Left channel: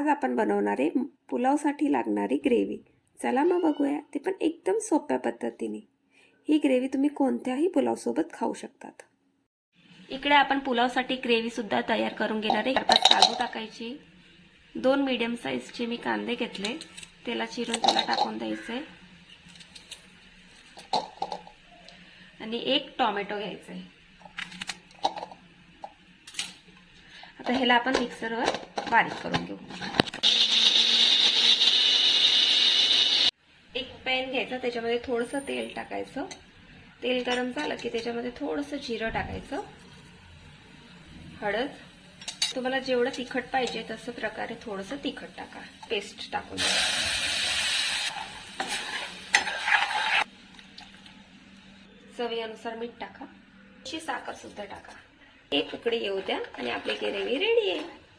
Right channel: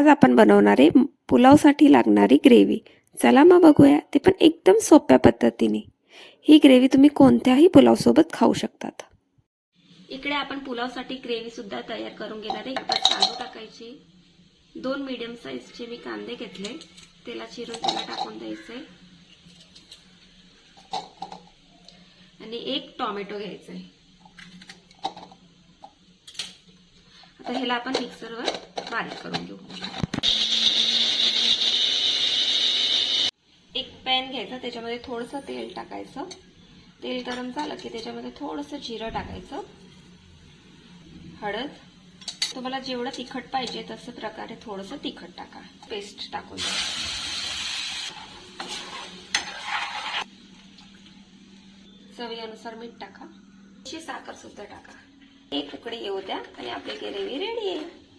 आज आपण बनवणारे पुलावसाठी लागणारी ग्रेव्ही. चला मग बघूया ते पण एकदम सोप्या पद्धतीने. ही ग्रेव्ही तुम्ही कोणत्याही पुलावसोबत खाऊ शकतात. इकडे आपण पुलावसाठी ग्रेव्ही सुद्धा तयार करून घेणार आहे. आता काजू टाकायची. दोन मीडियम साईजचे मी कांदे घेतले. त्याला चिरून त्याला टाकून द्यायचे. आणि एक टॉमॅटो घ्यायचे. आता ह्याला आपण मिक्सरवर बारीक करून घेऊ. एक पॅन घ्यायचा त्याच्यामध्ये थोडंसं तेल टाकायचं. तेल गरम झालं की त्याच्यामध्ये थोडंसं जिरं टाकायचं. हळद. तुम्हाला जेवढं तिखट पाहिजे तसं प्रकारे थोडंसं तिखट टाका. पेस्ट टाकून. चवीनुसार मीठ टाका. साखर सुद्धा टाका. एक उकडी येऊ द्या आणि आपली ग्रेव्ही रेडी आहे.